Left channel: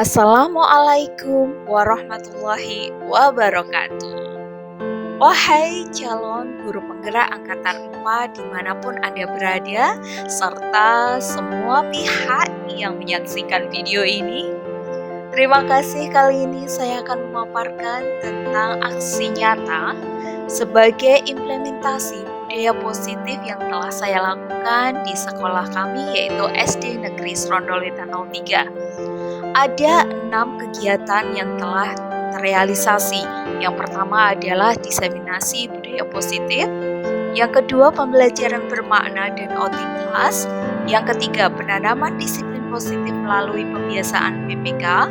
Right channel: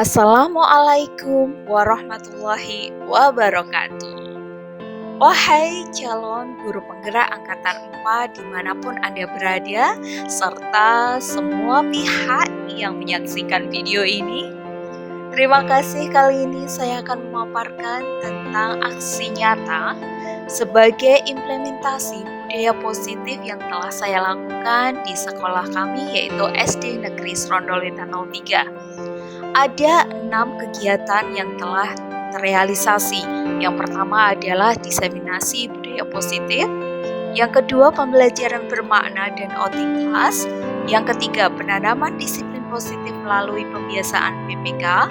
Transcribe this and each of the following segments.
Assalamualaikum warahmatullahi wabarakatuh. Wahai calon guru penggerak angkatan 4 dimanapun Anda berada, serta semua pihak yang menyaksikan video ini, terima kasih. Kali ini saya akan memaparkan tentang aksi nyata sebagai implementasi budaya positif yang telah saya lakukan di sekolah kami, yaitu SD Negeri Serondolwetan 03. Ada 6 kegiatan yang telah terrealisasi. Yang pertama adalah diseminasi budaya positif. Yang kedua, pembelajaran bermakna dan outing kelas. Yang ketiga, penanaman disiplin positif melalui pembiasaan PPK.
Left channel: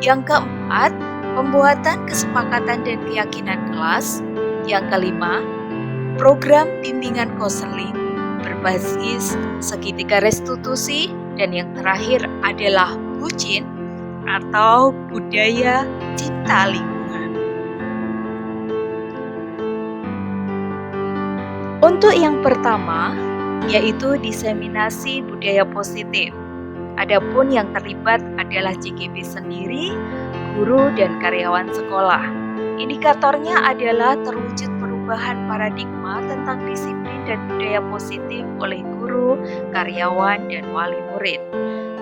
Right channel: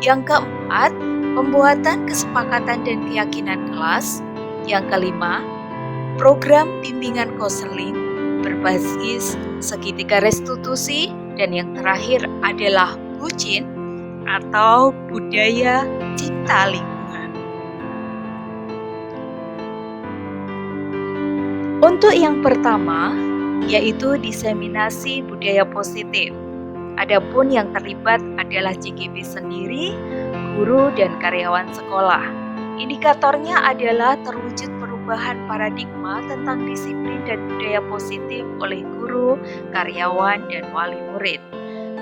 Yang keempat, pembuatan kesepakatan dan keyakinan kelas. Yang kelima, program bimbingan konseling berbasis segitiga restitusi. Dan yang terakhir adalah bucin atau budaya cinta lingkungan. Untuk yang pertama, yaitu diseminasi budaya positif. Adapun yang terlibat adalah JGB sendiri, guru dan karyawan sekolah. Indikatornya adalah terwujud perubahan paradigma tentang disiplin dan budaya positif oleh guru, karyawan, dan wali murid.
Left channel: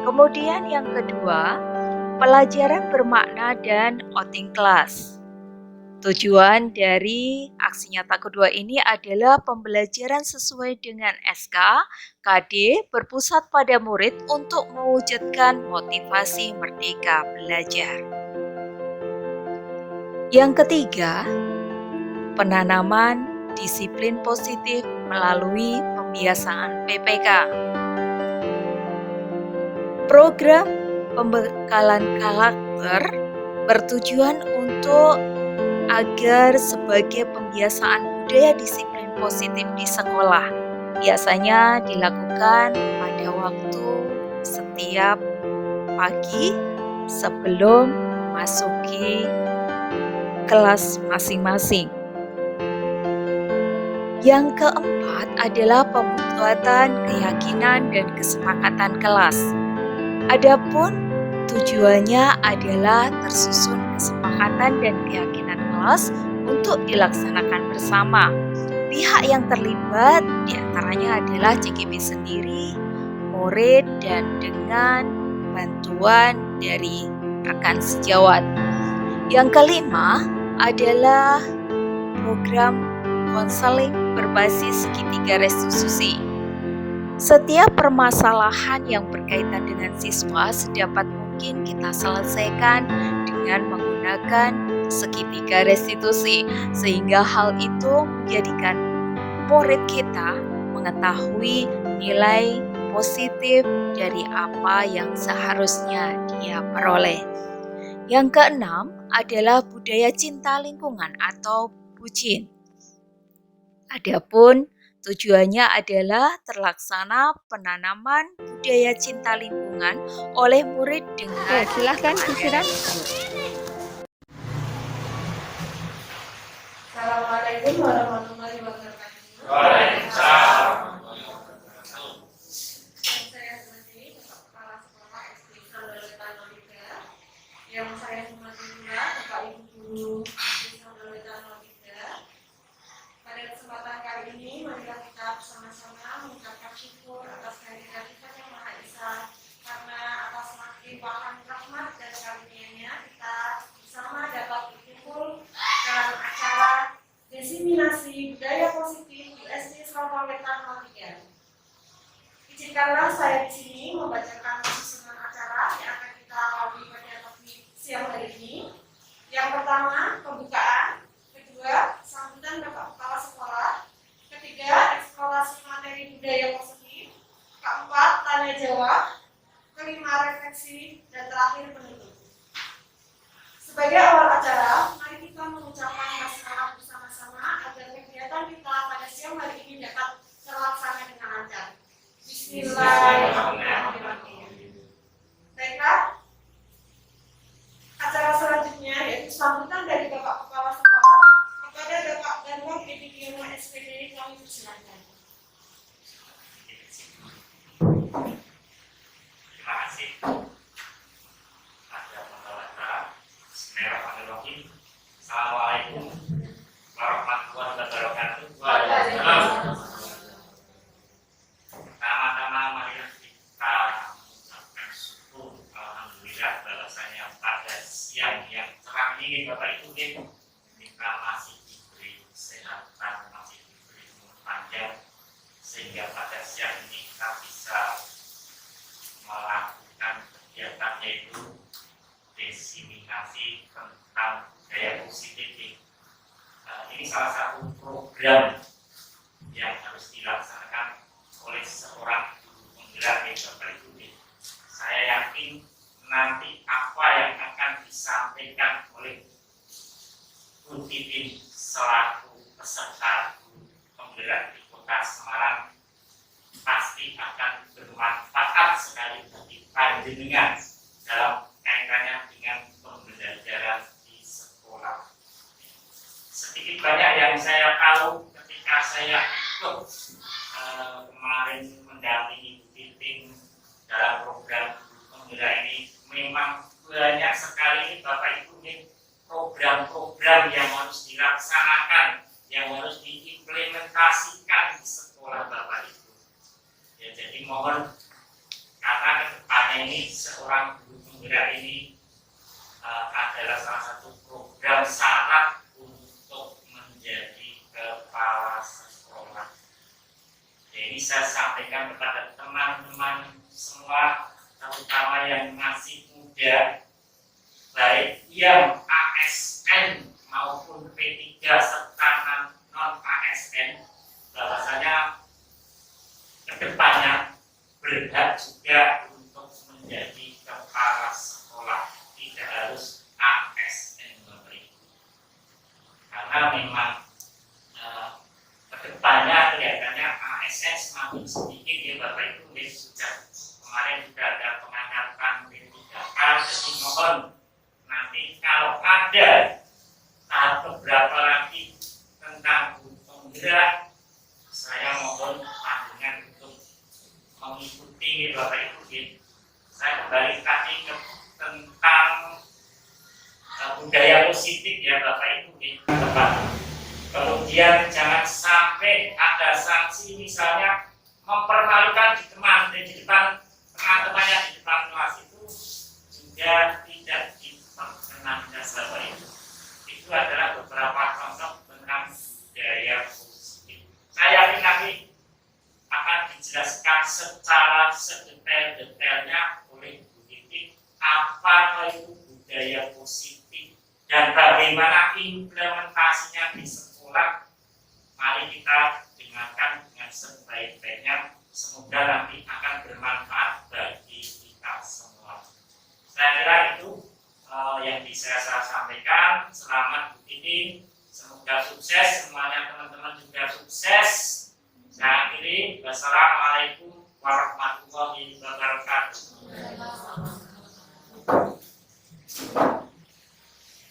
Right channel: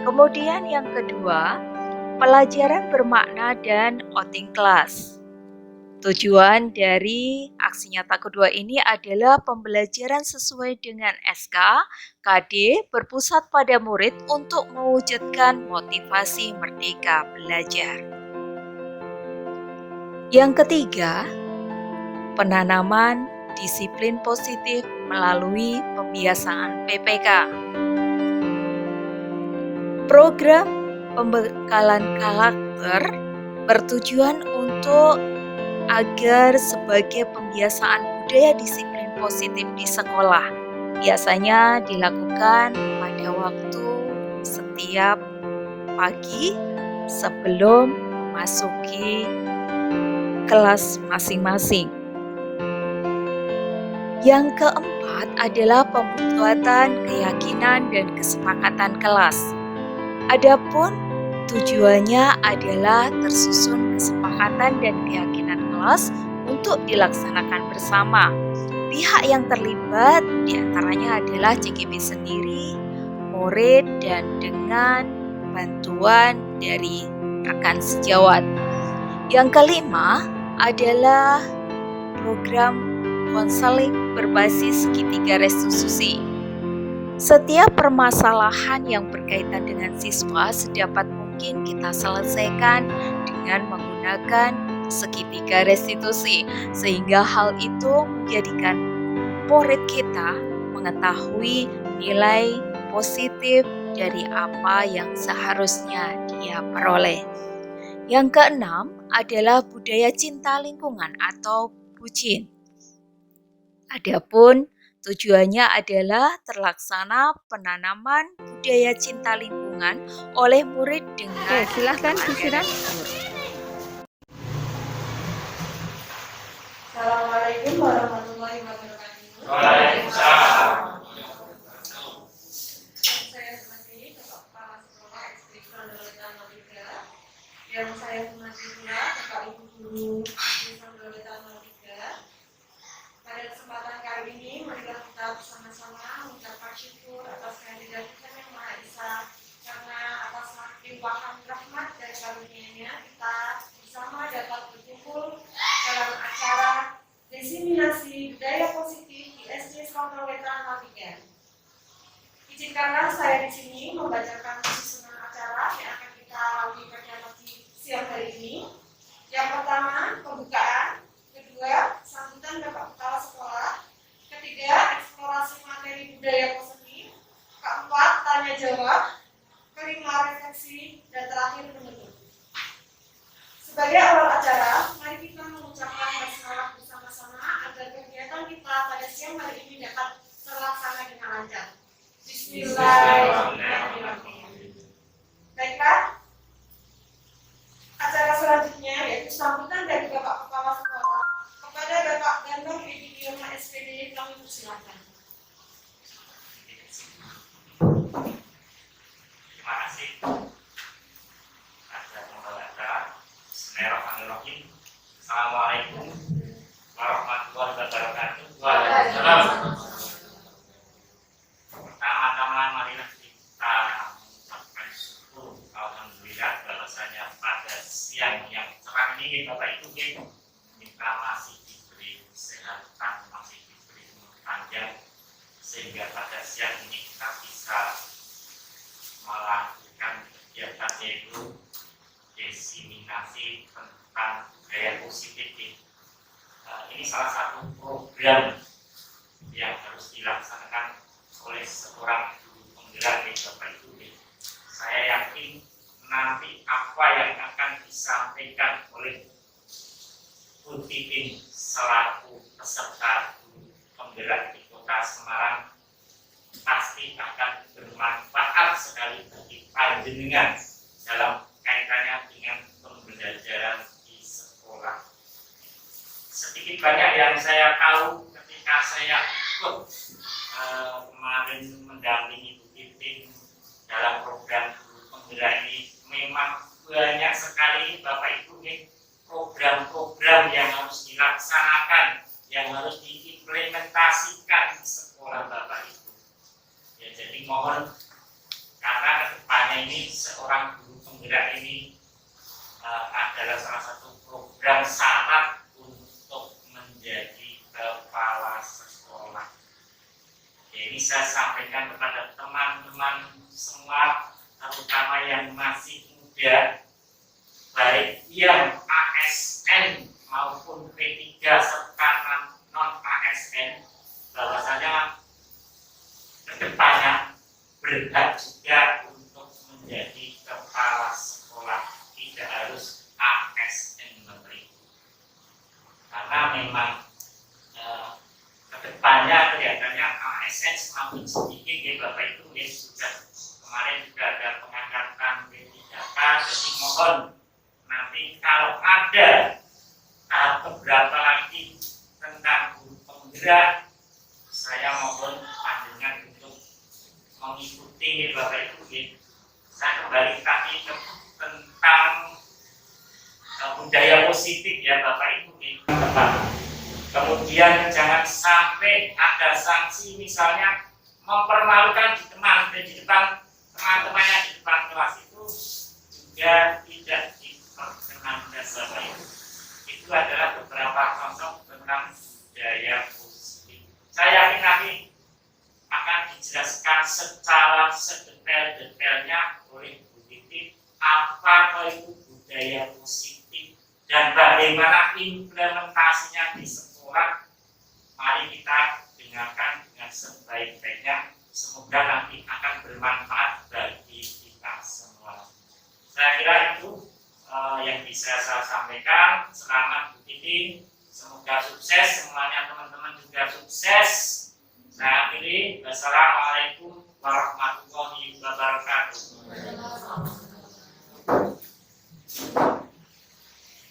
Kemudian yang kedua, pelajaran bermakna dan outing kelas. Tujuan dari aksi nyata kedua ini adalah pembelajaran sesuai dengan SK, KD berpusat pada murid untuk mewujudkan motivasi merdeka belajar. Yang ketiga, penanaman disiplin positif melalui pembiasaan PPK. Program pembekalan karakter bertujuan untuk agar sebagai pembiasaan budaya disiplin positif di sekolah. Biasanya dilakukan pada waktu setiap pagi sebelum memasuki kelas masing-masing. Yang keempat adalah pembuatan keyakinan dan kesepakatan kelas. Adapun tujuannya adalah tersusun kesepakatan dan keyakinan kelas untuk dilaksanakan bersama. Pihak yang terlibat diantaranya adalah JGB sendiri, murid, dan dengan bantuan dari rekan sejawat. Yang kelima adalah program konseling berbasis segitiga restitusi. Setiap permasalahan yang berkaitan dengan siswa sedapat mungkin kita selesaikan dengan menggunakan segitiga restitusi, sehingga hal itu menjadikan murid kita mengetahui nilai positif dari apa yang seharusnya dia peroleh. Yang keenam adalah budaya cinta lingkungan atau bucin. Adapun tujuannya adalah terlaksana penanaman budaya cinta lingkungan oleh murid dengan silahkan disiram. Assalamualaikum warahmatullahi wabarakatuh. Waalaikumsalam. Saya sebagai Bapak Kepala Sekolah SD Serondolwetan 03, yang saya hormati pula Bapak Ibu Guru SD Serondolwetan 03. Pada kesempatan kali ini, marilah kita bersama-sama mengucapkan syukur atas kehadiran Tuhan Yang Maha Esa, karena atas limpahan rahmat dan karunia-Nya kita bersama dapat berkumpul dalam acara diseminasi budaya positif di SD Serondolwetan 03. Izinkanlah saya di sini membacakan susunan acara yang akan kita lalui pada pagi siang hari ini. Yang pertama, pembukaan. Kedua, sambutan Bapak Kepala Sekolah. Ketiga, eksplorasi materi budaya positif. Keempat, tanya jawab. Kelima, refleksi. Dan terakhir, penutup. Sebagai awal acara, mari kita mengucapkan basmalah bersama-sama agar kegiatan kita pada siang hari ini dapat terlaksana dengan lancar. Bismillahirrahmanirrahim. Baiklah, acara selanjutnya yaitu sambutan dari Bapak Kepala Sekolah kepada Bapak Ganteng Epidiono SPD, kami persilakan. Terima kasih. Assalamualaikum warahmatullahi wabarakatuh. Waalaikumsalam. Pertama-tama marilah kita mengucapkan syukur alhamdulillah bahwasanya pada siang yang cerah ini Bapak Ibu kita masih diberi kesehatan, masih diberi umur panjang sehingga pada siang ini kita bisa melakukan kegiatan yaitu diseminasi tentang budaya positif. Ini salah satu program yang harus dilaksanakan oleh seorang guru penggerak Bapak Ibu. Saya yakin nanti apa yang akan disampaikan oleh Bu Titin selaku peserta guru penggerak di Kota Semarang pasti akan bermanfaat sekali bagi panjenengan dalam kaitannya dengan pembelajaran di sekolah. Sedikit banyak yang saya tahu ketika saya ikut kemarin mendampingi Bu Titin dalam program guru penggerak ini, memang banyak sekali Bapak Ibu program-program yang harus dilaksanakan, yang harus diimplementasikan di sekolah Bapak Ibu. Ya, jadi mohon karena kedepannya ini seorang guru penggerak ini adalah salah satu program syarat untuk menjadi kepala sekolah. Jadi saya sampaikan kepada teman-teman semua, terutama yang masih muda, baik yang ASN maupun P3 serta non-ASN, bahwasanya kedepannya berhak juga untuk menjadi kepala sekolah, tidak harus ASN Bapak Ibu. Karena memang kedepannya kelihatannya ASN semakin sedikit ya Bapak Ibu. Sudah kemarin juga ada pengangkatan P3K, jadi mohon nanti kalau ada tahap beberapa lagi tentang guru penggerak, saya mohon panjenengan untuk mengikuti Bapak Ibu. Saya kembali tadi tentang budaya positif ya Bapak Ibu. Kemudian jangan sampai ada sanksi, misalnya mempermalukan di depan teman-temannya di depan kelas, itu juga tidak diperkenankan Bapak Ibu. Itu adalah beberapa konsep tentang budaya positif. Saya yakin nanti akan dijelaskan secara sedetail-detailnya oleh Bu Titin apa itu budaya positif dan bagaimana implementasinya di sekolah. Mari kita dengarkan dengan sebaik-baiknya, semoga nanti akan bermanfaat bagi kita semua. Saya kira itu yang bisa saya sampaikan. Selamat Bu Titin, semoga sukses semuanya, teman-teman juga sukses. Saya akhiri, wassalamualaikum warahmatullahi wabarakatuh.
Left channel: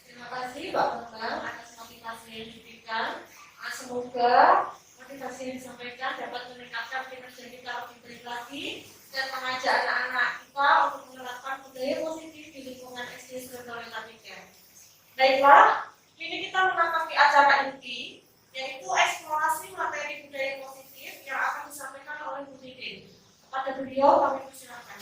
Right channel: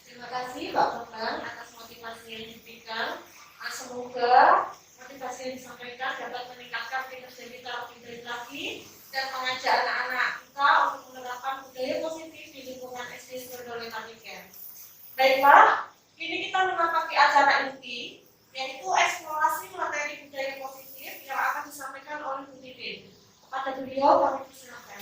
Terima kasih Pak Bambang atas motivasi yang diberikan. Semoga motivasi yang disampaikan dapat meningkatkan kinerja kita lebih baik lagi dan mengajak anak-anak kita untuk menerapkan budaya positif di lingkungan SD Serdoleta 3. Baiklah, kini kita menapaki acara inti, yaitu eksplorasi materi budaya positif yang akan disampaikan oleh Bu Titin. Kepada beliau kami persilakan.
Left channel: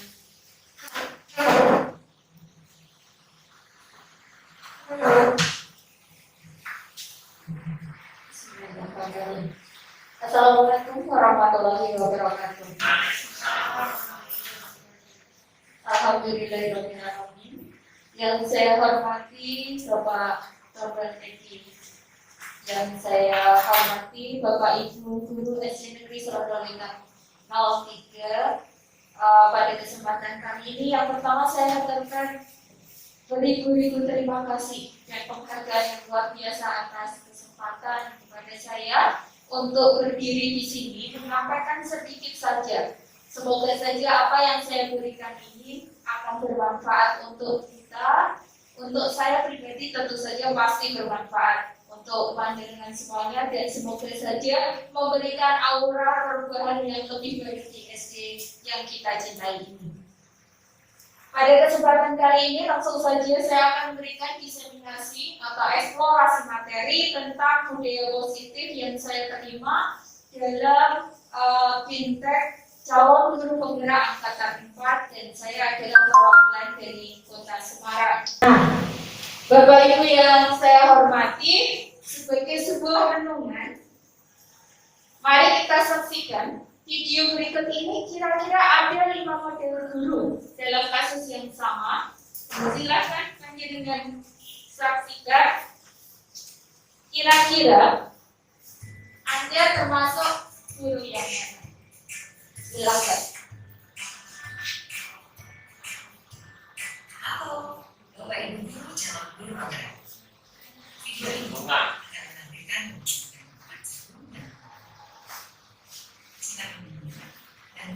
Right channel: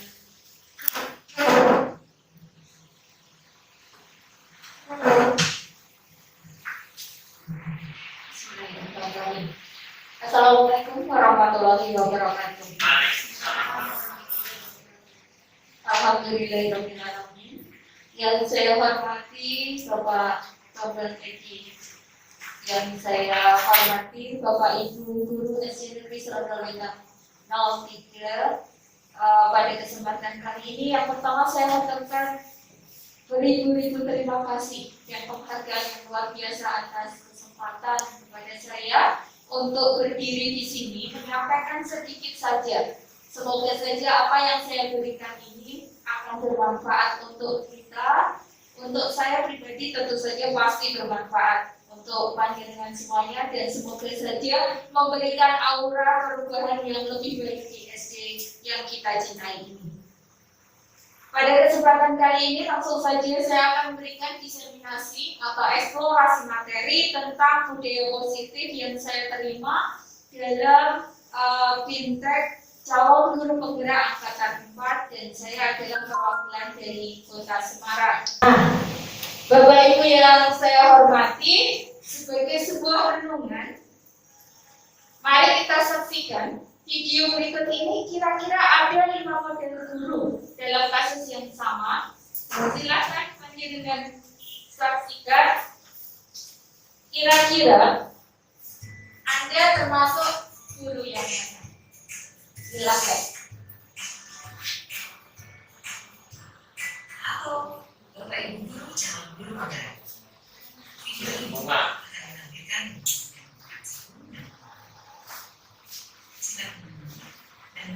Assalamualaikum warahmatullahi wabarakatuh. Alhamdulillahirrahmanirrahim. Yang saya hormati Bapak Bambang Eki, yang saya hormati Bapak Ibu Guru SD Negeri Serdoleta 03. Pada kesempatan kali ini yang pertama saya haturkan beribu-ribu terima kasih dan penghargaan yang luar biasa atas kesempatan kepada saya untuk berdiri di sini menyampaikan sedikit saja. Semoga saja apa yang saya berikan ini akan bermanfaat untuk kita. Untuk saya pribadi tentu saja pasti bermanfaat untuk panjenengan semuanya, dan semoga saja memberikan aura perubahan yang lebih baik di SD yang kita cintai ini. Pada kesempatan kali ini langsung saja saya akan memberikan diseminasi atau eksplorasi materi tentang budaya positif yang saya terima dalam Bintek calon guru penggerak angkatan 4 dan saya adalah perwakilan dari Kota Semarang. Bapak Ibu yang saya hormati, sebagai sebuah renungan, mari kita saksikan video berikut ini. Kira-kira ada 5 model guru dalam kasus yang sama. Silakan panjenengan saksikan. Kira-kira Anda termasuk guru yang mana? Silakan. Halo, Bapak Ibu guru, calon guru penggerak. Video ini akan menampilkan silakan dan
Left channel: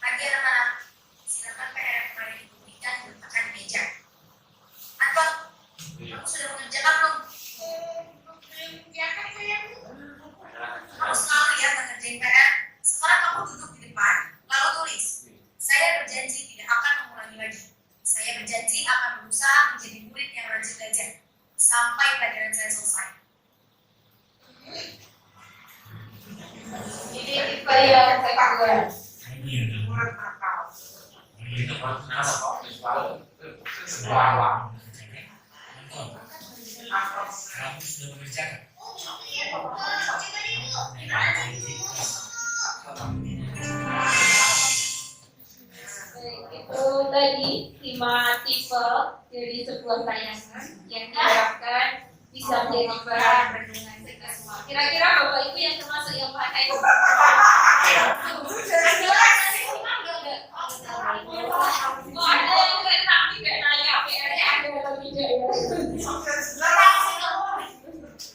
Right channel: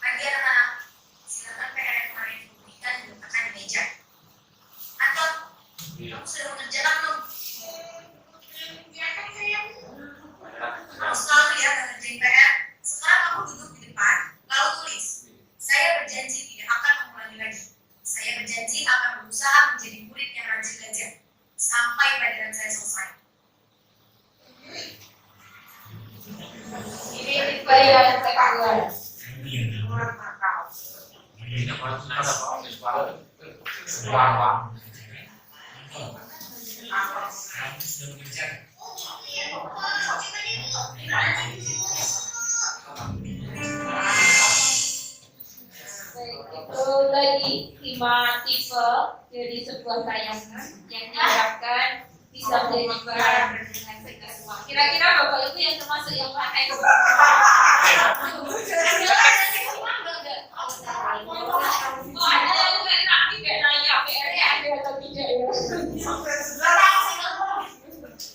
bagi anak-anak, silakan PR yang kemarin diberikan diletakkan di meja. Anton, kamu sudah mengerjakan belum? Kamu selalu ya mengerjain PR. Sekarang kamu duduk di depan, lalu tulis. Saya berjanji tidak akan mengulangi lagi. Saya berjanji akan berusaha menjadi murid yang rajin belajar sampai pelajaran saya selesai. Ini tipe yang kedua. Itu tadi 5 tipe dari sebuah tayangan yang diharapkan bisa menjadi bahan renungan kita semua. Kira-kira Bapak Ibu yang termasuk yang mana itu? Oh, ada yang mungkin nanti tidak nanya PR-nya ada atau tidak ya?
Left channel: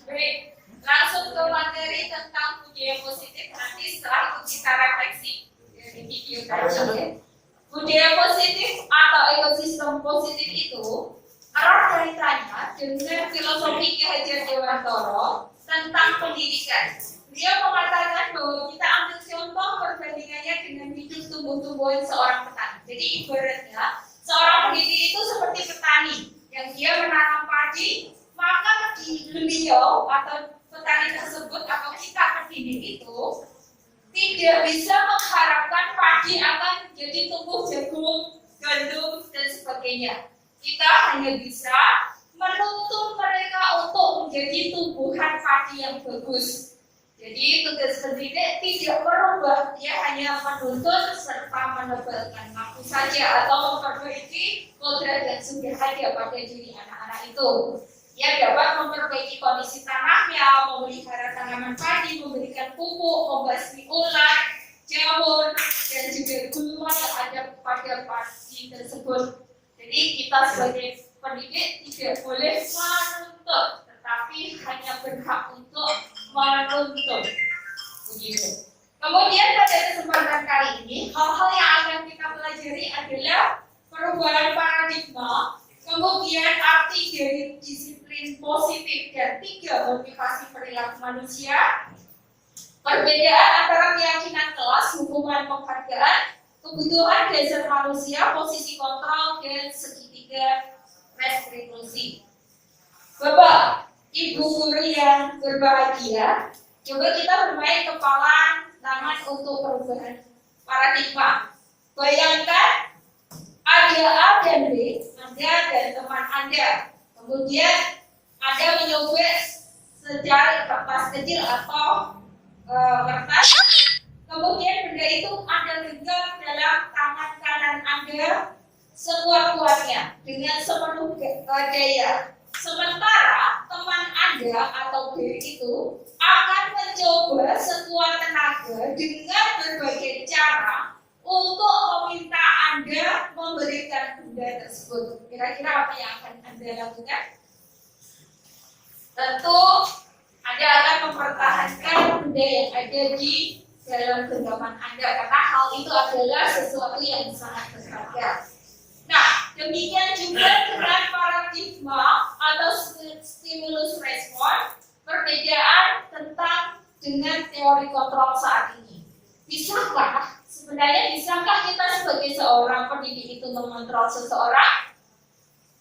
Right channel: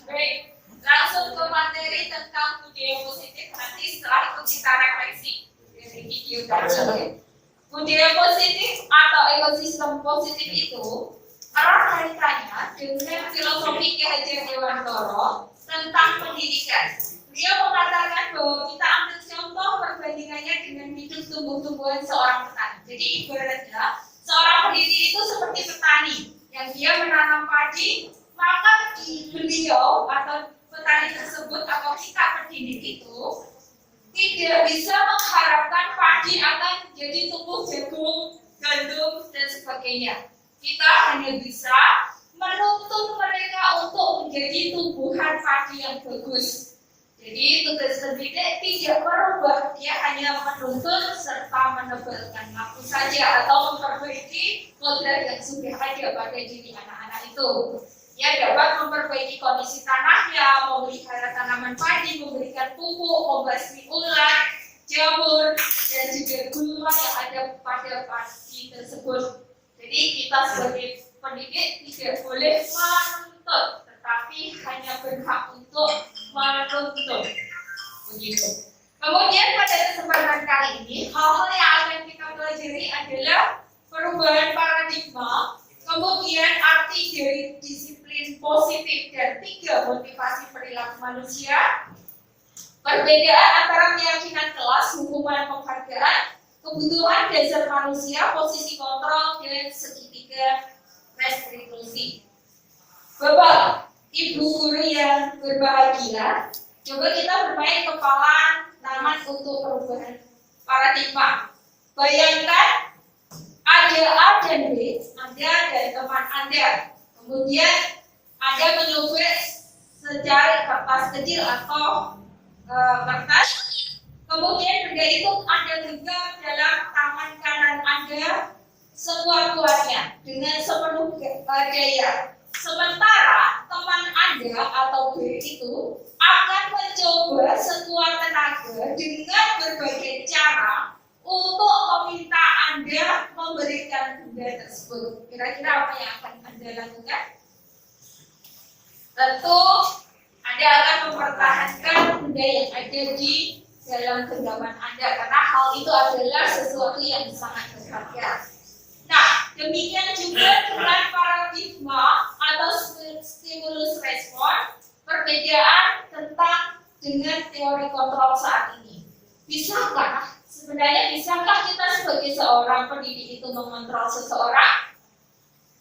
Baik, langsung ke materi tentang budaya positif. Nanti setelah itu kita refleksi dari video tadi. Budaya positif atau ekosistem positif itu erat kaitannya dengan filosofi Ki Hajar Dewantara tentang pendidikan. Beliau mengatakan bahwa kita ambil contoh perbandingannya dengan hidup tumbuh-tumbuhan seorang petani. Jadi ibaratnya seorang pendidik itu seperti petani yang dia menanam padi, maka beliau atau petani tersebut atau kita pendidik itu tidak bisa mengharapkan padi akan jadi tumbuh jagung, gandum, dan sebagainya. Kita hanya bisa menuntun mereka untuk menjadi tumbuhan padi yang bagus. Jadi tugas pendidik tidak merubah, dia hanya menuntun serta menebalkan waktu saja atau memperbaiki modal yang sudah ada pada diri anak-anak itu. Ia dapat memperbaiki kondisi tanahnya, memelihara tanaman padi, memberikan pupuk, membasmi ulat, jamur, dan juga gulma yang ada pada padi tersebut. Jadi kita sebagai pendidik tidak boleh menuntut, tetapi hanya berhak untuk menuntut. Begitu. Kemudian pada kesempatan kali ini, hal-hal yang akan kita pelajari adalah perubahan paradigma, kemudian arti dari disiplin positif dan 3 motivasi perilaku manusia, perbedaan antara keyakinan kelas, hukuman penghargaan, kebutuhan dasar manusia, posisi kontrol, dan segitiga restitusi. Bapak, Ibu guru yang berbahagia, coba kita bermain kepala tangan untuk perubahan paradigma. Bayangkan ada A dan B, Anda dan teman Anda. Kemudian Anda menyobek secari kertas kecil atau kertas. Kemudian benda itu Anda genggam dalam tangan kanan Anda sekuat-kuatnya dengan sepenuh daya. Sementara teman Anda atau B itu akan mencoba sekuat tenaga dengan berbagai cara untuk meminta Anda memberikan benda tersebut. Kira-kira apa yang akan Anda lakukan? Tentu Anda akan mempertahankan benda yang ada di dalam genggaman Anda karena hal itu adalah sesuatu yang sangat berharga. Nah, demikian juga dengan paradigma atau stimulus respon, perbedaan tentang dengan teori kontrol saat ini. Bisakah? Sebenarnya bisakah kita sebagai seorang pendidik itu mengontrol seseorang?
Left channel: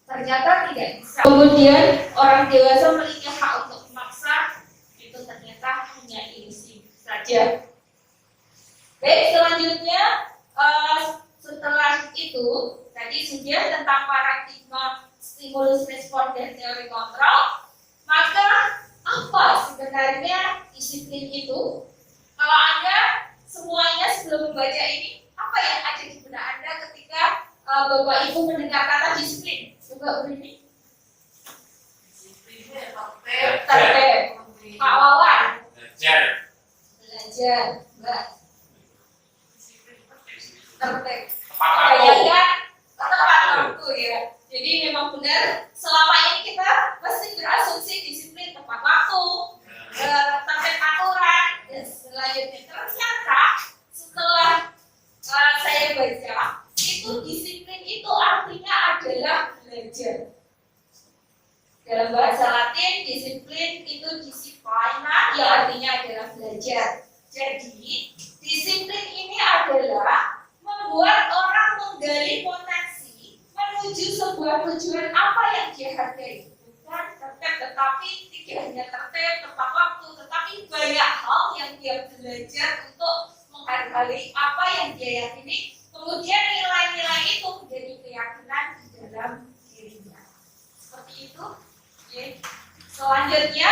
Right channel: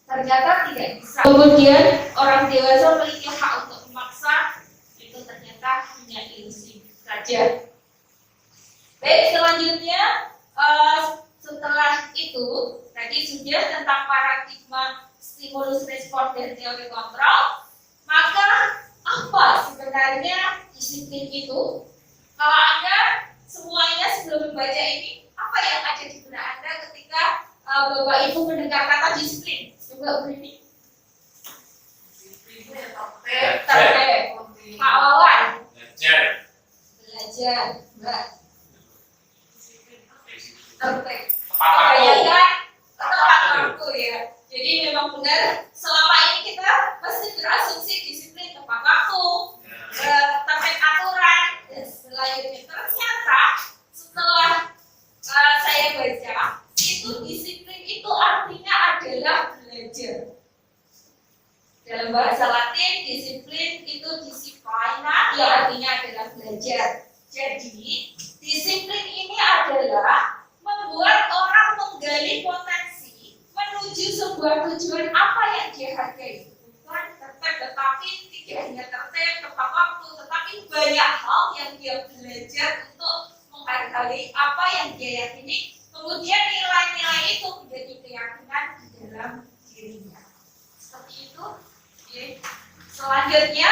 Ternyata tidak bisa. Kemudian orang dewasa memiliki hak untuk memaksa, itu ternyata hanya ilusi saja. Baik, selanjutnya setelah itu tadi sudah tentang paradigma stimulus respon dan teori kontrol. Maka apa sebenarnya disiplin itu? Kalau Anda semuanya sebelum membaca ini, apa yang ada di benak Anda ketika Bapak Ibu mendengar kata disiplin? Coba begini. Tertib. Pak Wawan. Belajar. Belajar. Mbak. Tertib. Tepat waktu. Bayangkan tepat waktu ya. Jadi memang benar selama ini kita pasti berasumsi disiplin tepat waktu, tertib aturan dan selanjutnya. Ternyata setelah saya baca itu disiplin itu artinya adalah belajar. Dalam bahasa Latin disiplin itu disciplina yang artinya adalah belajar. Jadi disiplin ini adalah membuat orang menggali potensi menuju sebuah tujuan apa yang dia hargai. Bukan tertib, tetapi tidak hanya tertib tepat waktu, tetapi banyak hal yang dia belajar untuk menghargai apa yang dia yakini. Kemudian nilai-nilai itu menjadi keyakinan di dalam dirinya. Seperti itu. Oke. Selanjutnya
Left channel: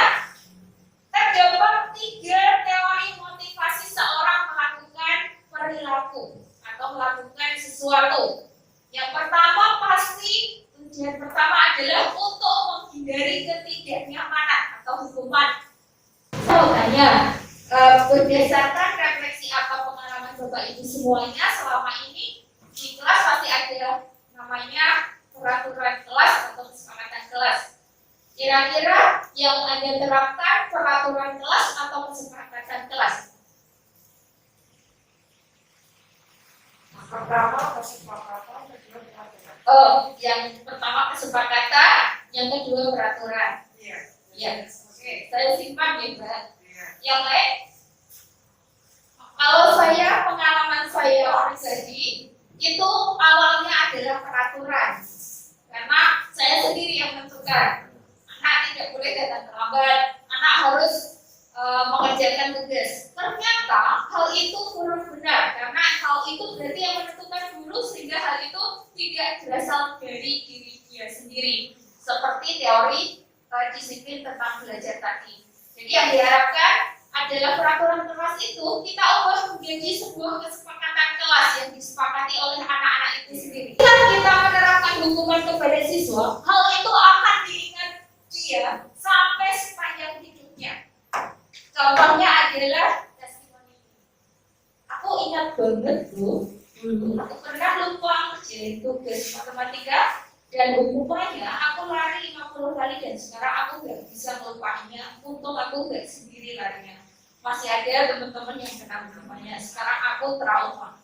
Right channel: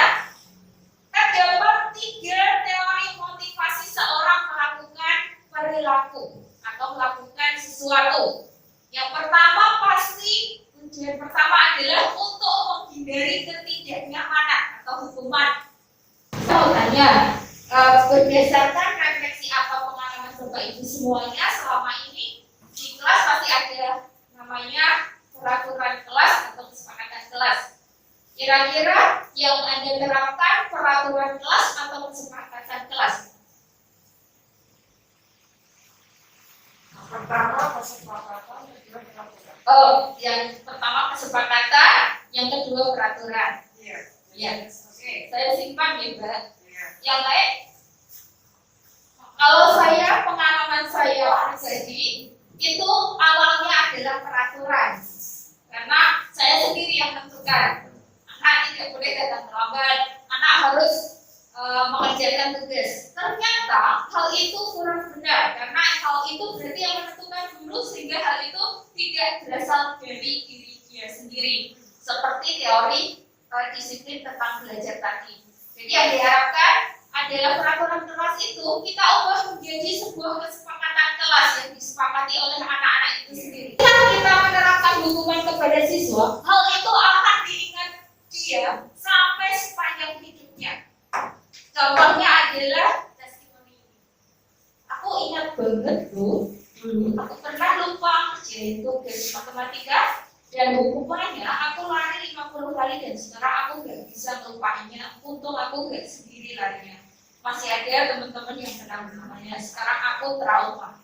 terdapat 3 teori motivasi seorang melakukan perilaku atau melakukan sesuatu. Yang pertama pasti tujuan pertama adalah untuk menghindari ketidaknyamanan atau hukuman. Saya mau tanya, berdasarkan refleksi atau pengalaman Bapak Ibu semuanya selama ini di kelas pasti ada namanya peraturan kelas atau kesepakatan kelas. Kira-kira yang Anda terapkan peraturan kelas atau kesepakatan kelas? Pertama kesepakatan, kedua peraturan. Oh, yang pertama kesepakatan, yang kedua peraturan. Iya. Ya, oke. Saya simpan ya, Mbak. Iya. Yang lain? Kalau saya, pengalaman saya pribadi, itu awalnya adalah peraturan. Karena saya sendiri yang menentukan. Anak tidak boleh datang terlambat, anak harus mengerjakan tugas. Ternyata hal itu kurang benar, karena hal itu berarti yang menentukan guru, sehingga hal itu tidak berasal dari diri dia sendiri. Seperti teori disiplin tentang belajar tadi. Jadi yang diharapkan adalah peraturan kelas itu kita ubah menjadi sebuah kesepakatan kelas yang disepakati oleh anak-anak itu sendiri. Jika kita menerapkan hukuman kepada siswa, hal itu akan diingat dia sampai sepanjang hidupnya. Contohnya adalah testimoni. Aku ingat banget tuh, dulu aku pernah lupa ngerjain tugas matematika dan hukumannya aku lari 50 kali dan sekarang aku nggak bisa melupakannya. Untung aku nggak sendiri larinya. Masih ada teman-teman yang kenal namanya. Sekarang aku trauma.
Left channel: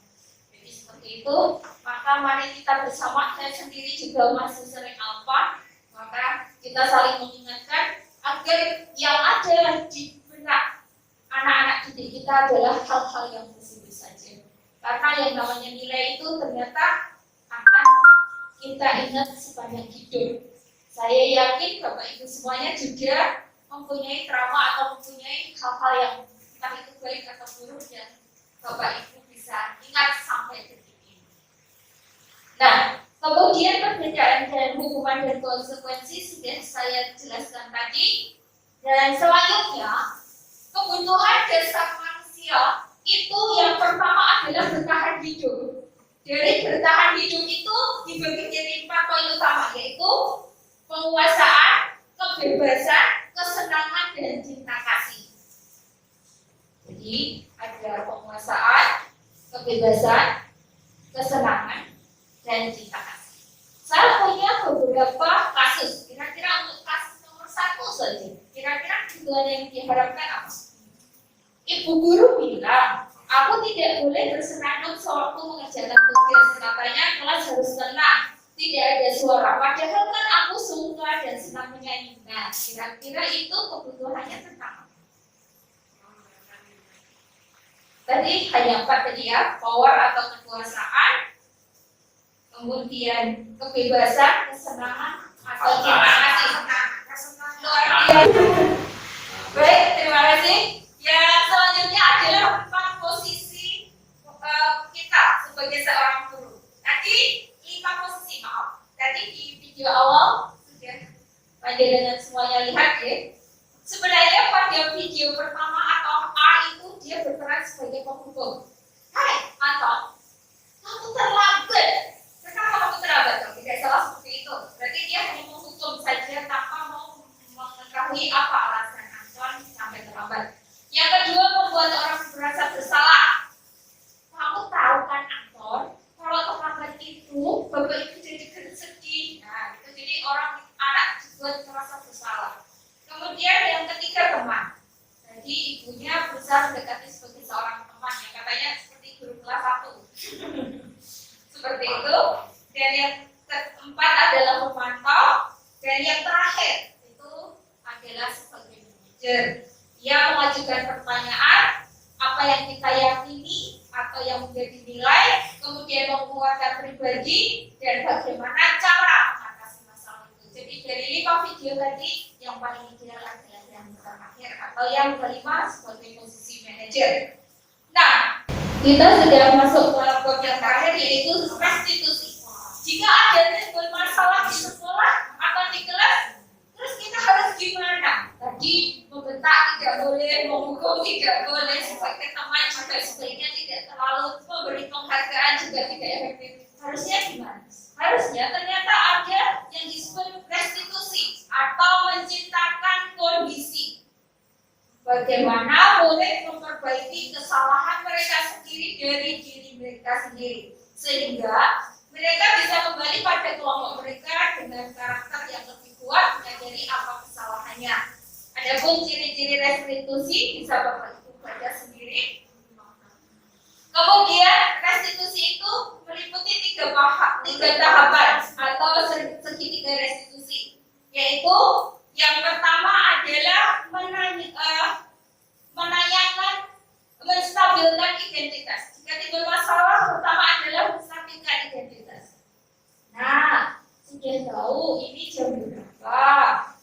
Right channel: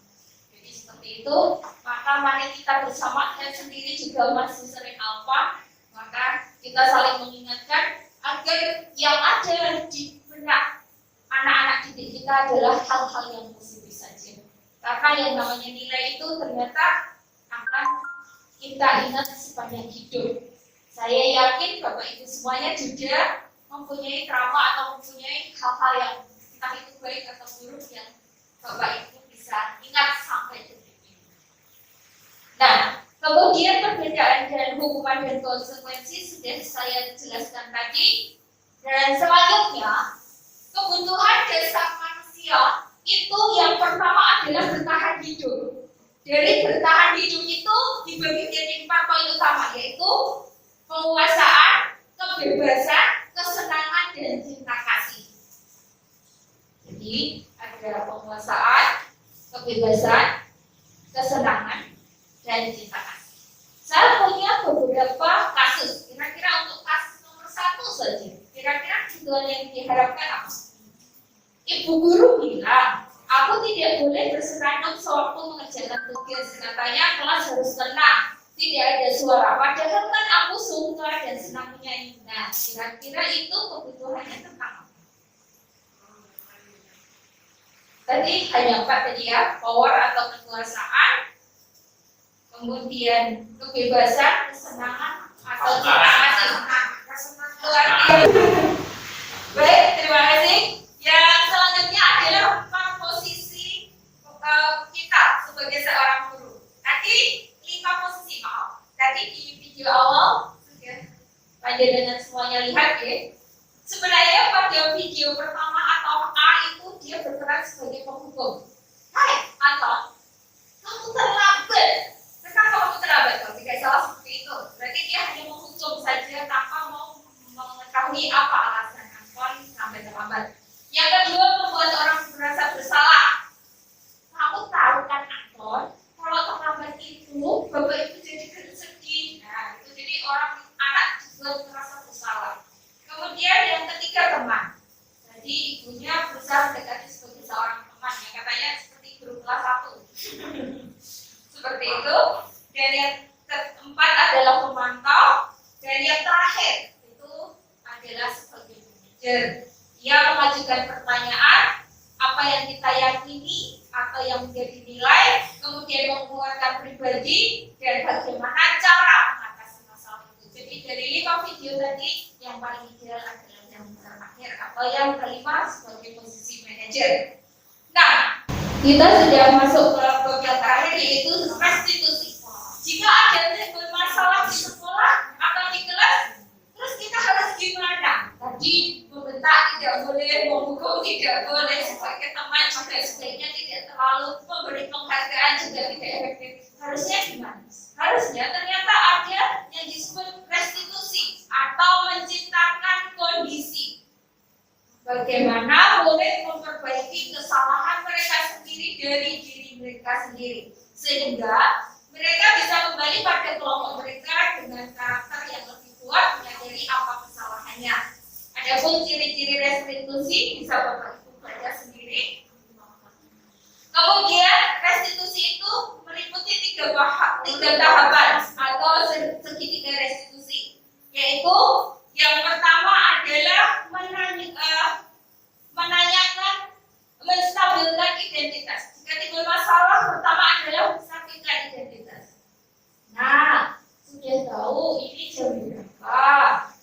Jadi seperti itu. Maka mari kita bersama. Saya sendiri juga masih sering alfa. Maka kita saling mengingatkan agar yang ada di benak anak-anak didik kita adalah hal-hal yang positif saja. Karena yang namanya nilai itu ternyata akan kita ingat sepanjang hidup. Saya yakin Bapak Ibu semuanya juga mempunyai trauma atau mempunyai hal-hal yang entah itu baik atau buruk yang Bapak Ibu bisa ingat sampai detik ini. Nah, kemudian perbedaan dan hukuman dan konsekuensi sudah saya jelaskan tadi. Dan selanjutnya, kebutuhan dasar manusia itu yang pertama adalah bertahan hidup. Dari bertahan hidup itu dibagi menjadi 4 poin utama, yaitu penguasaan, kebebasan, kesenangan, dan cinta kasih. Jadi ada penguasaan, kebebasan, kesenangan, dan cinta kasih. Saya punya beberapa kasus. Kira-kira untuk kasus nomor 1 saja. Kira-kira tujuan yang diharapkan apa? Ibu guru bilang, aku tidak boleh bersenandung sewaktu mengerjakan tugas. Katanya kelas harus tenang, tidak ada suara. Padahal kan aku suka dan senang menyanyi. Nah, kira-kira itu kebutuhannya tentang apa? Tadi hanya 4 tadi ya, power atau kekuasaan, kemudian kebebasan, kesenangan, atau terima kasih. Luar biasa. Baik, terima kasih. Yang selanjutnya adalah 4 posisi kita sebagai seorang guru. Tadi 5 posisi, maaf. Tadi di video awal sudah panjenengan semuanya lihat ya. Sebenarnya pada video pertama atau A itu dia berperan sebagai penghubung. Hai, Anton, kamu terlambat. Kenapa kamu terlambat? Kalau tidak salah seperti itu. Berarti dia hanya menghukum saja tanpa mau mengetahui apa alasan Anton sampai terlambat. Yang kedua, membuat orang merasa bersalah. Kamu tahu kan Anton, kalau terlambat itu, bapak itu jadi sedih. Nah, itu jadi anak dibuat merasa bersalah. Kemudian yang ketiga, teman. Jadi ibunya berusaha mendekati sebagai seorang teman yang katanya seperti guru kelas 1. Seperti itu. Dan yang keempat adalah pemantau. Dan yang terakhir itu adalah sebagai manajer. Ia mengajukan pertanyaan, apa yang kita yakini atau yang menjadi nilai, kemudian mengeluarkan pribadi, dan bagaimana cara mengatasi masalah itu. Jadi dari 5 video tadi, yang paling ideal adalah yang terakhir atau yang kelima sebagai posisi manajer. Nah, kita sudah masuk ke bab yang terakhir, yaitu restitusi. Jika ada timbul masalah di sekolah atau di kelas, terus kita harus gimana? Tadi membentak tidak boleh, menghukum tidak boleh, sebagai teman juga sebaiknya tidak terlalu memberi penghargaan juga tidak efektif. Harusnya gimana? Harusnya ternyata ada yang disebut restitusi atau menciptakan kondisi. Bagaimana boleh memperbaiki kesalahan mereka sendiri dari diri mereka sendiri, sehingga mereka bisa kembali pada kelompok mereka dengan karakter yang lebih kuat, menyadari apa kesalahannya. Adapun ciri-ciri restitusi bisa Bapak Ibu baca sendiri. Kemudian restitusi itu meliputi 3 tahapan atau segitiga restitusi, yaitu yang pertama adalah menanyakan, menstabilkan identitas. Jika timbul masalah, pertama adalah menstabilkan identitas. Nah, sudah tahu ini jam berapa?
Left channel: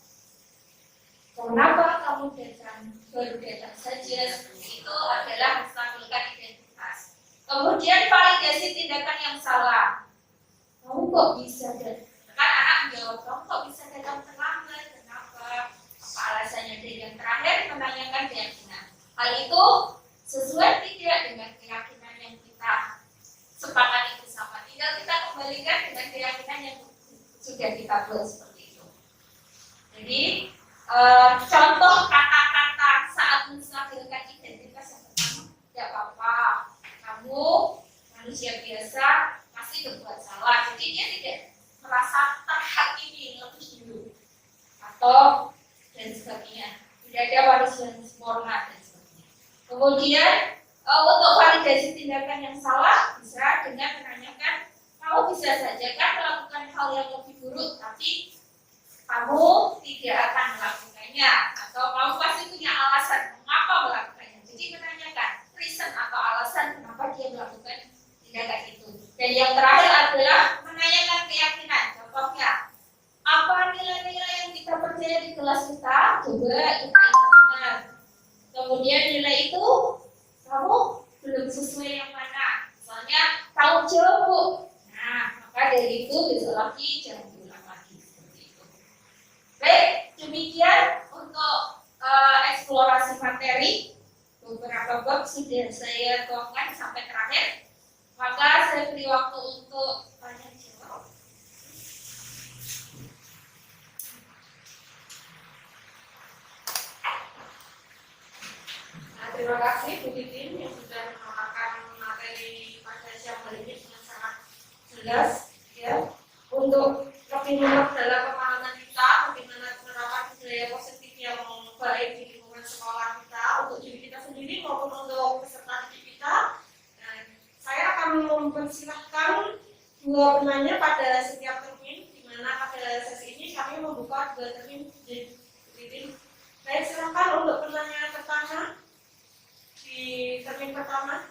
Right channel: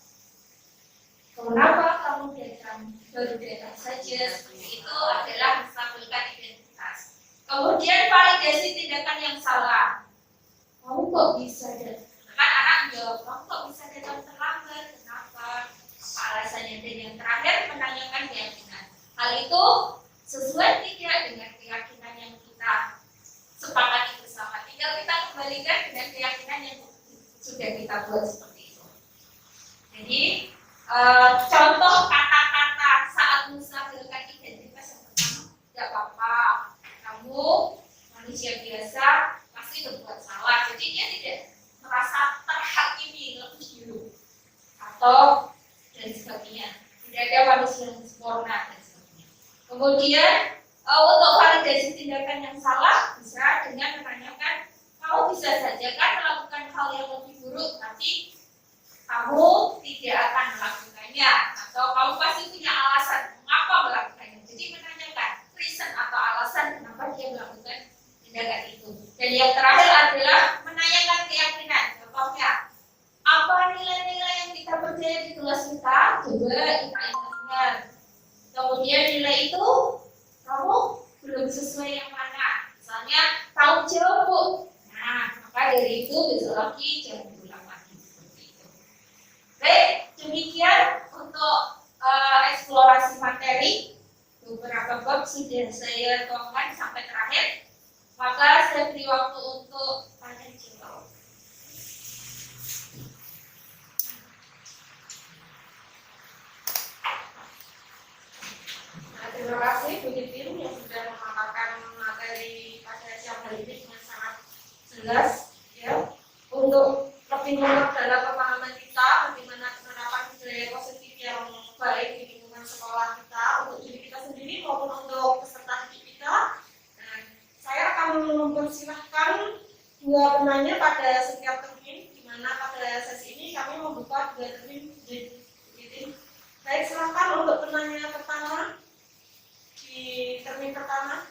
Kenapa kamu baru datang saja? Seperti itu adalah menstabilkan identitas. Kemudian validasi tindakan yang salah. Kamu kok bisa datang? Kan anak menjawab, kamu kok bisa datang terlambat? Kenapa? Apa alasannya? Dan yang terakhir menanyakan keyakinan. Hal itu sesuai tidak dengan keyakinan yang kita sepakati bersama. Tinggal kita kembalikan dengan keyakinan yang sudah kita buat seperti itu. Jadi contoh kata-kata saat menstabilkan identitas yang pertama, tidak apa-apa, kamu manusia biasa pasti berbuat salah. Jadi dia tidak merasa terhakimi lebih dulu atau dan sebagainya. Tidak ada manusia yang sempurna dan sebagainya. Kemudian untuk validasi tindakan yang salah bisa dengan menanyakan, kamu bisa saja kan melakukan hal yang lebih buruk, tapi kamu tidak akan melakukannya, atau kamu pasti punya alasan mengapa melakukannya. Jadi menanyakan reason atau alasan kenapa dia melakukan tindakan itu. Dan yang terakhir adalah menanyakan keyakinan. Contohnya, apa nilai-nilai yang kita percaya di kelas kita? Coba kita ingat-ingat. Kemudian nilai itu kamu belum sesuai yang mana? Misalnya tanggung jawab, Bu. Nah, maka dari itu besok lagi jangan diulang lagi seperti itu. Baik, demikian untuk eksplorasi materi. Beberapa bab sudah saya tuangkan sampai terakhir. Maka saya beri waktu untuk tanya jawab. Terima kasih Bu Titin yang sudah memaparkan materi pada siang hari ini dengan sangat jelas, ya, untuk lebih memperdalam pemahaman kita bagaimana penerapan budaya positif yang baik di lingkungan sekolah kita untuk diri kita sendiri maupun untuk peserta didik kita. Dan saya akan mempersilahkan dua penanya pada setiap termin, di mana pada sesi ini kami membuka dua termin reading. Baik, silakan untuk penanya pertama di termin pertama.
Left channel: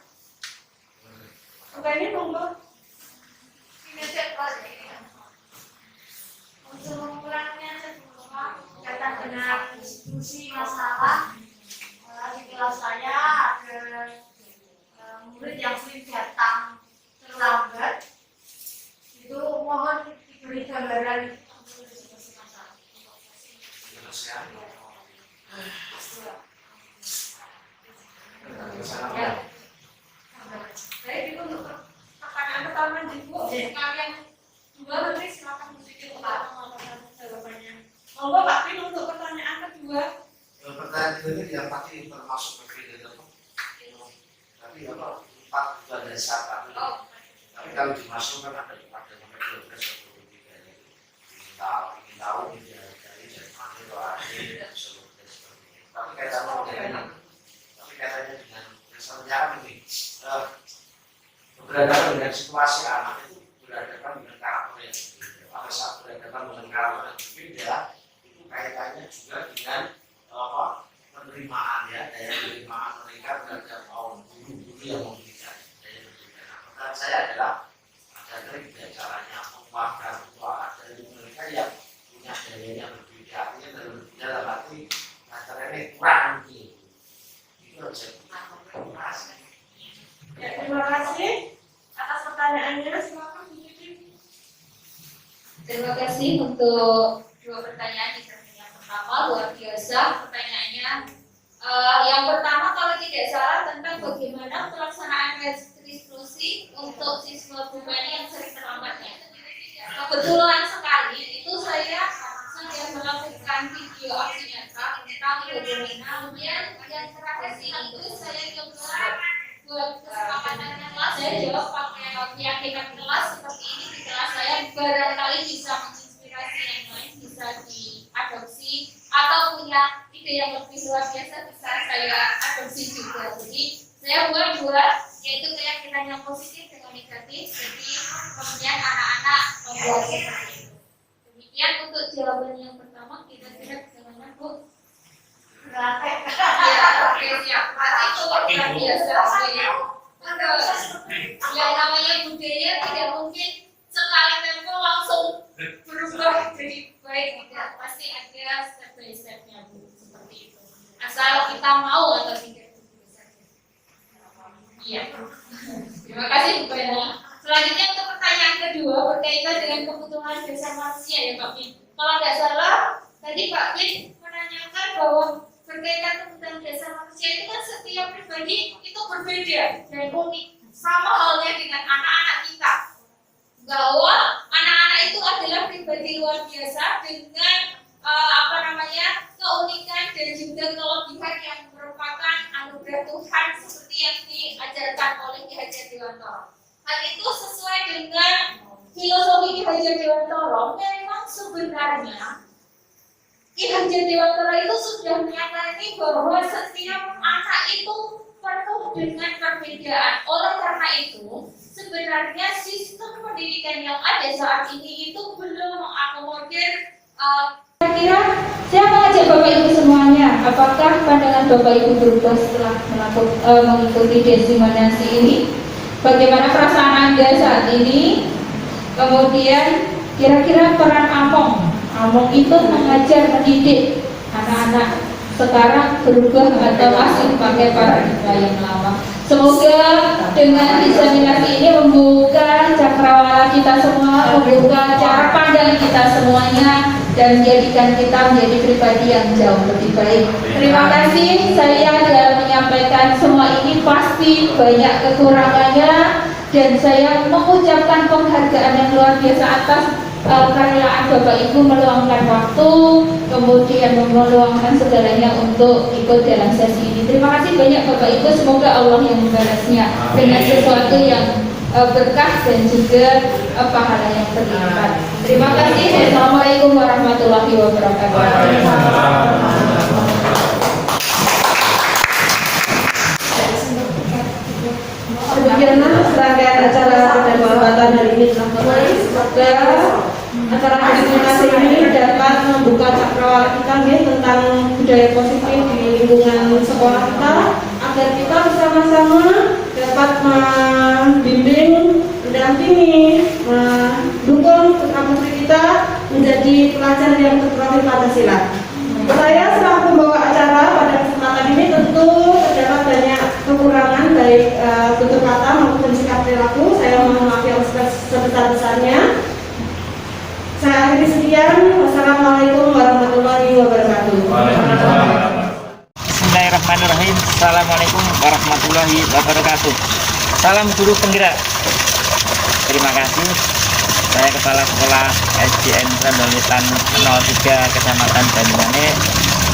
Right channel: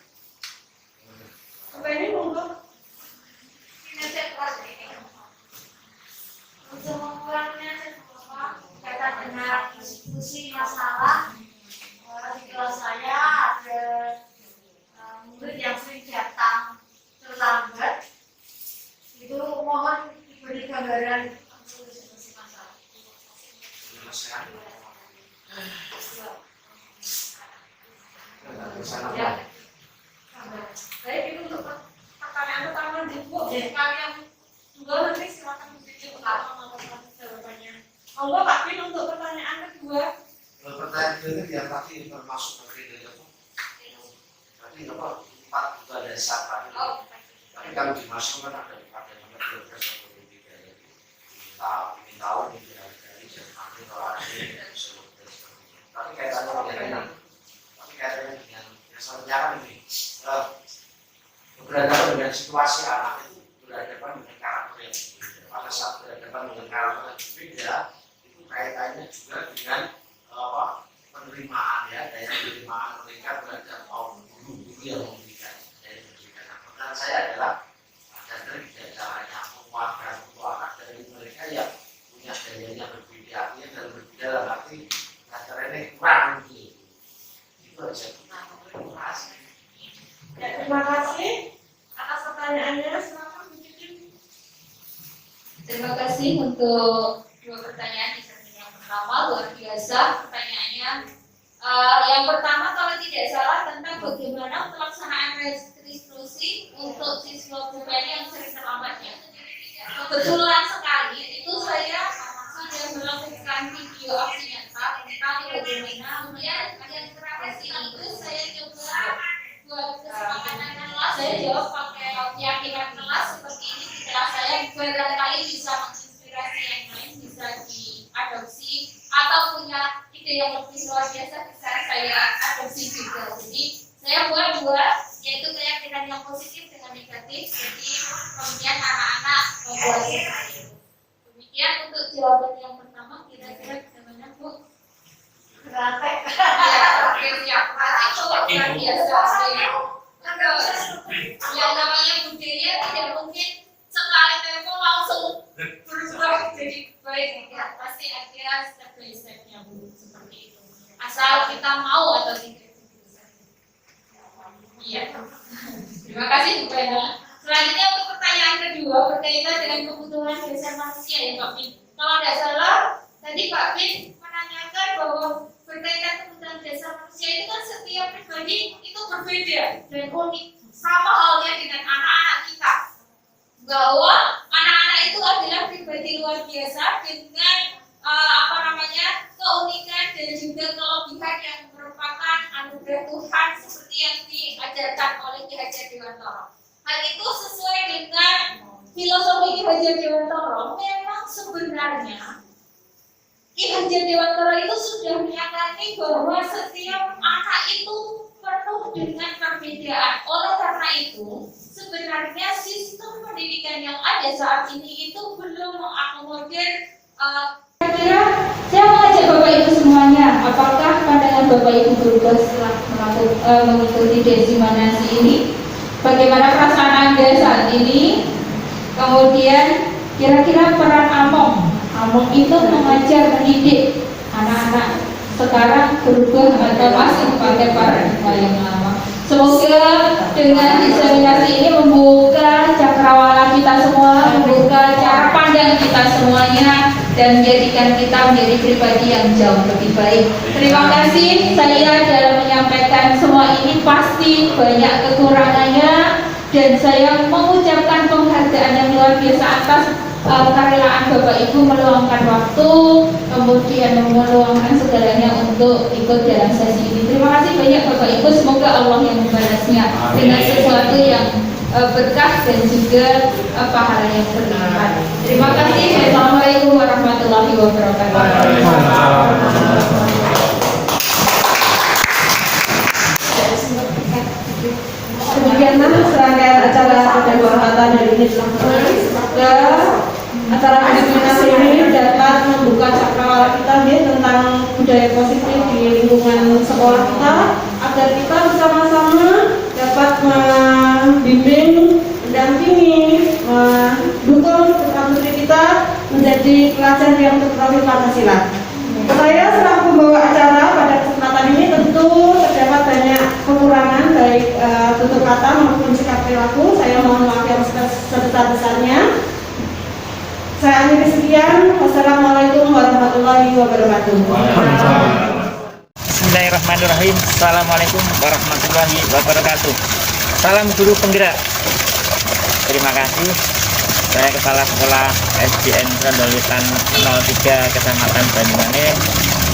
Ini monggo. Untuk mengurangi kaitan dengan diskusi masalah di kelas saya ada murid yang sering datang terlambat, itu mohon diberi gambaran diskusi masalah. Ya. Baik, itu untuk pertanyaan pertama di Bu. Kalian dua nanti silakan menjadi pertama jawabannya. Monggo Pak Bin untuk pertanyaan kedua. Pertanyaan kedua yang tadi termasuk bagian dari apa? Tapi apa? 4 juga dari sahabat. Tapi kalau dimasukkan ada pada nomor 12 atau 23 jadi ingin tahu ini dari dari mana atau ada seperti itu. Tapi kaitannya dengan misalnya kan ini berhadapan dengan situasi anak itu berhadapan dengan karakter yang berbeda. Pada saat berhadapan dengan karakter yang berbeda itu kaitannya juga dengan penerimaan ya, daya penerimaan mereka terhadap guru yang memberikan daya pendidikan. Nah, pertanyaan saya adalah ada trik dan caranya menguatkan dari mereka yang punya dayanya berbeda, artinya dalam berbeda dalam arti caranya kurang gitu. Itu aja. Ya, terima kasih atas pertanyaannya. Silakan Bu Cici. Terima kasih untuk dua pertanyaan di termin yang pertama, luar biasa pertanyaannya. Yang pertama kalau tidak salah tentang bagaimana pelaksanaan restitusi untuk siswa bukan yang sering terlambatnya. Kebetulan sekali itu saya sudah melakukan video aksi nyata tentang bagaimana kemudian yang terakhir itu saya coba buat kesepakatan kelas, saya jawab pakai keyakinan kelas seperti ini di kelas saya barangkali bisa menginspirasi yang lain, bisa diadopsi atau punya ide yang lebih luar biasa bisa saya adopsi juga. Jadi saya buat dua, yaitu keyakinan yang positif dengan negatif. Jadi kemudian anak-anak membuat seperti itu. Demikian untuk jawaban yang pertama, kira-kira bagaimana Bu? Berarti Ya, oke siap. Berarti kalau luar biasa. Yang namanya budaya tidak mungkin sekali tempo langsung berubah jadi baik, tidak, pasti ada step by stepnya Bu, seperti itu. Asal kita mau atau tidak itu saja. Iya. Terima kasih Bu Bena. Selanjutnya untuk pertanyaan kedua berkaitan dengan kebutuhan dasar manusia ya Pak Bin. Kalau tidak salah tadi Pak Bin menanyakan bahwa berkaitan kebutuhan dasar manusia itu kan setiap pribadi itu berbeda dan unik, sama halnya dengan anak-anak kita, bahwa anak-anak itu adalah pribadi luar biasa dengan keunikan dan juga kelebihan yang merupakan anugerah Tuhan seperti yang diajarkan oleh Ki Hajar Dewantara. Hal itu sesuai dengan filosofi Ki Hajar Dewantara. Memang sebenarnya Ki Hajar Dewantara itu sudah menyadari bahwa setiap anak itu penuh dengan perbedaan. Oleh karena itu, sebenarnya sistem pendidikan yang ada saat ini itu belum mengakomodir. Kira-kira saya mengajak Bapak Ibu semuanya, apakah pandangan Bapak Ibu berubah setelah mengikuti desimanasi ini? Bagaimana perasaan Anda saat ini? Kemudian kira-kira peran Among itu mengajar, mendidik anak-anak sekarang berubah atau masih pakai paradigma yang lama. Semoga dengan diseminasi ini membuka cakrawala kita semua, membuka cara pandang kita semuanya, dan menjadikan kita menjadi pribadi yang jauh lebih baik. Terima kasih. Saya dalam menyampaikan semua ini pasti banyak kekurangannya, dan saya mengucapkan penghargaan yang luar biasa atas kerelaan Bapak Ibu meluangkan waktu, kemudian meluangkan segalanya untuk ikut dalam sesi ini. Terima kasih banyak Bapak Ibu, semoga Allah yang membalasnya dengan sesuatu yang berkah dan juga pahala yang berlipat. Terima kasih. Assalamualaikum warahmatullahi wabarakatuh. Demikianlah serangkaian acara pada kesempatan hari ini yang telah terbaik. Semoga acara diskriminasi ini dapat membuka cakrawala kita tentang budaya positif di lingkungan sekolah kita, agar kita bersama-sama dapat membimbing, mendampingi, mendukung putra-putri kita menjadi pelajar yang berprofil Pancasila. Saya selaku pembawa acara pada kesempatan ini tentu terdapat banyak kekurangan baik tutur kata maupun sikap perilaku. Saya mohon maaf yang sebesar-besarnya. Saya akhiri sekian. Wassalamualaikum warahmatullahi wabarakatuh. Bismillahirrahmanirrahim. Assalamualaikum warahmatullahi wabarakatuh. Salam guru penggerak. Terima kasih. Saya Kepala Sekolah SDN Rondowetan 03 Kecamatan Banyuwangi.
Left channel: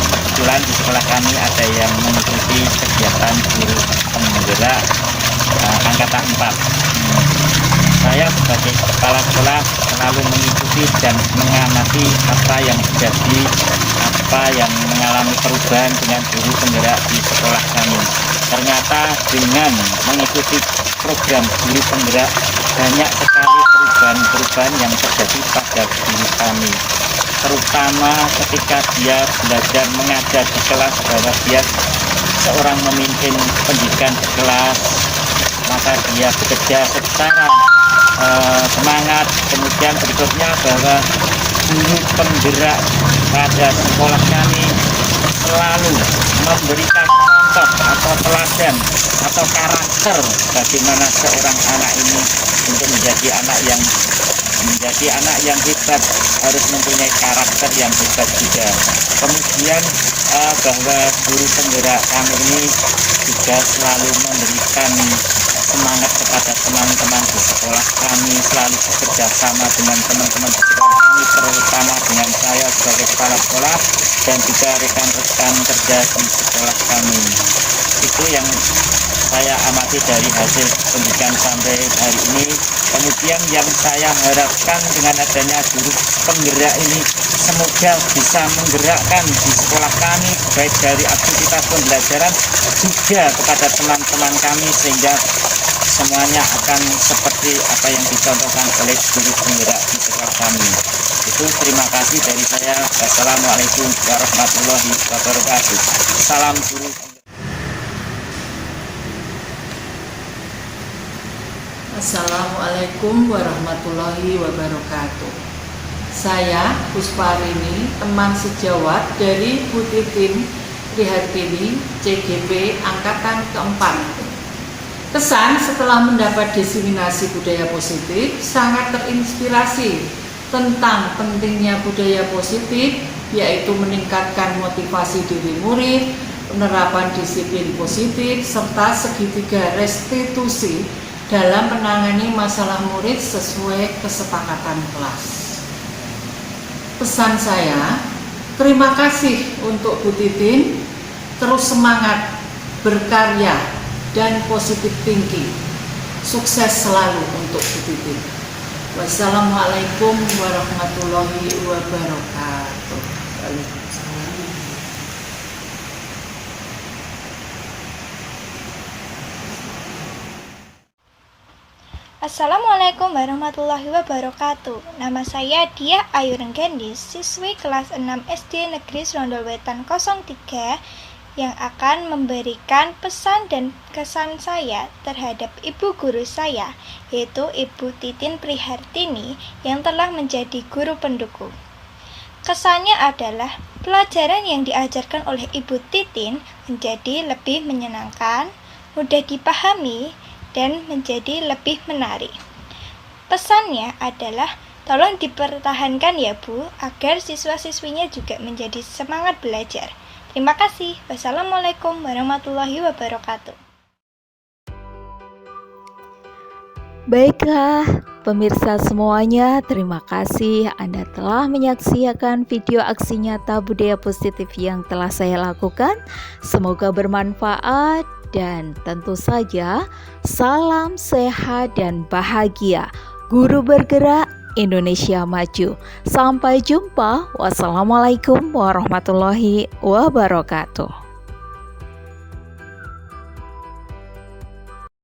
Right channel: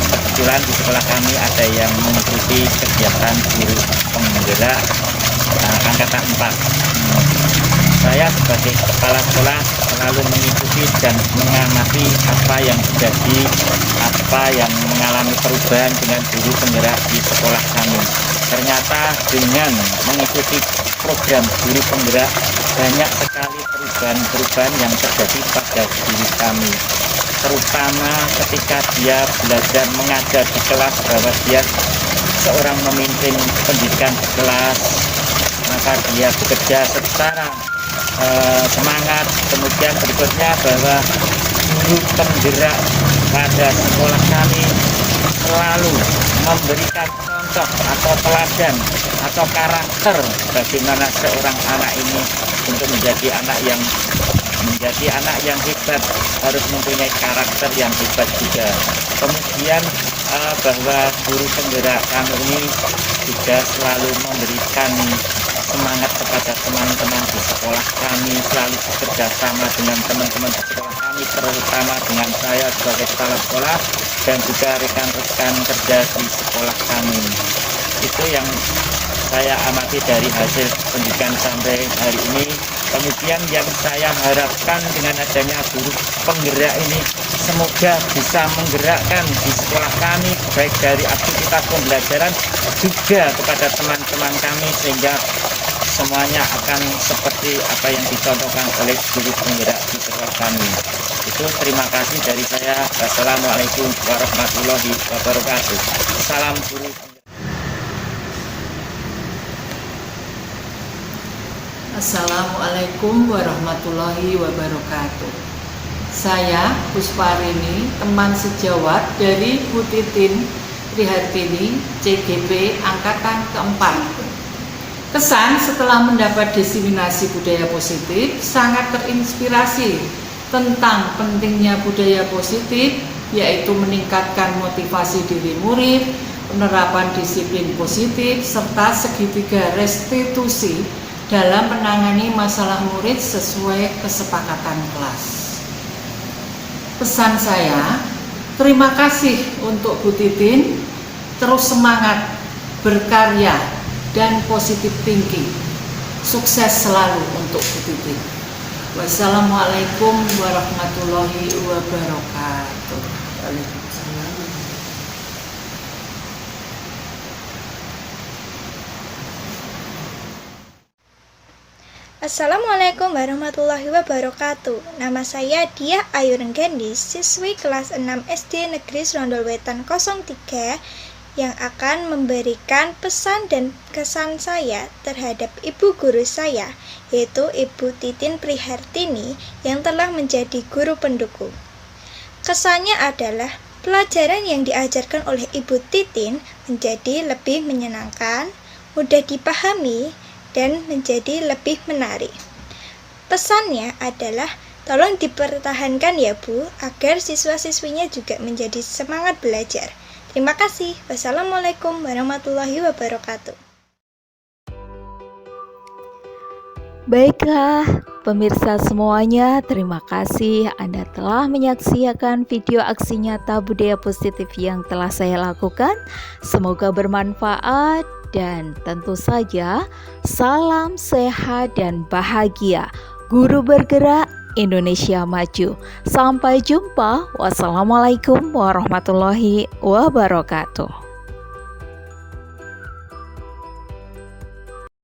Kebetulan di sekolah kami ada yang mengikuti kegiatan guru penggerak angkatan 4. Saya sebagai kepala sekolah selalu mengikuti dan mengamati apa yang terjadi, apa yang mengalami perubahan dengan guru penggerak di sekolah kami. Ternyata dengan mengikuti program guru penggerak banyak sekali perubahan-perubahan yang terjadi pada guru kami, terutama ketika dia belajar mengajar di kelas bahwa dia seorang memimpin pendidikan di kelas, maka dia bekerja secara semangat. Kemudian berikutnya bahwa guru penggerak pada sekolah kami selalu memberikan contoh atau teladan atau karakter bagaimana seorang anak ini untuk menjadi anak yang hebat harus mempunyai karakter yang hebat juga. Kemudian bahwa guru penggerak kami ini juga selalu memberikan semangat kepada teman-teman di sekolah kami, selalu bekerja sama dengan teman-teman di sekolah kami, terutama dengan saya sebagai kepala sekolah dan juga rekan-rekan kerja di sekolah kami. Itu yang saya amati dari hasil pendidikan sampai hari ini. Kemudian yang saya harapkan dengan adanya guru penggerak ini, semoga bisa menggerakkan di sekolah kami baik dari aktivitas pembelajaran juga kepada teman-teman kami, sehingga semuanya akan seperti apa yang dicontohkan oleh guru penggerak di sekolah kami. Itu terima kasih dari saya. Assalamualaikum warahmatullahi wabarakatuh. Salam guru. Assalamualaikum warahmatullahi wabarakatuh. Saya Pusparini, teman sejawat dari Bu Titin Prihartini, CGP Angkatan keempat. Kesan setelah mendapat diseminasi budaya positif, sangat terinspirasi tentang pentingnya budaya positif, yaitu meningkatkan motivasi diri murid, penerapan disiplin positif, serta segitiga restitusi dalam menangani masalah murid sesuai kesepakatan kelas. Pesan saya, terima kasih untuk Bu Titin, terus semangat, berkarya, dan positif thinking. Sukses selalu untuk Bu Titin. Wassalamualaikum warahmatullahi wabarakatuh. Assalamualaikum warahmatullahi wabarakatuh. Nama saya Diah Ayu Renggendis, siswi kelas 6 SD Negeri Serondolwetan 03 yang akan memberikan pesan dan kesan saya terhadap ibu guru saya, yaitu Ibu Titin Prihartini yang telah menjadi guru pendukung. Kesannya adalah pelajaran yang diajarkan oleh Ibu Titin menjadi lebih menyenangkan, mudah dipahami, dan menjadi lebih menarik. Pesannya adalah tolong dipertahankan ya Bu, agar siswa-siswinya juga menjadi semangat belajar. Terima kasih. Wassalamualaikum warahmatullahi wabarakatuh. Baiklah, pemirsa semuanya, terima kasih Anda telah menyaksikan video aksi nyata budaya positif yang telah saya lakukan. Semoga bermanfaat. Dan tentu saja, salam sehat dan bahagia. Guru bergerak, Indonesia maju. Sampai jumpa. Wassalamualaikum warahmatullahi wabarakatuh.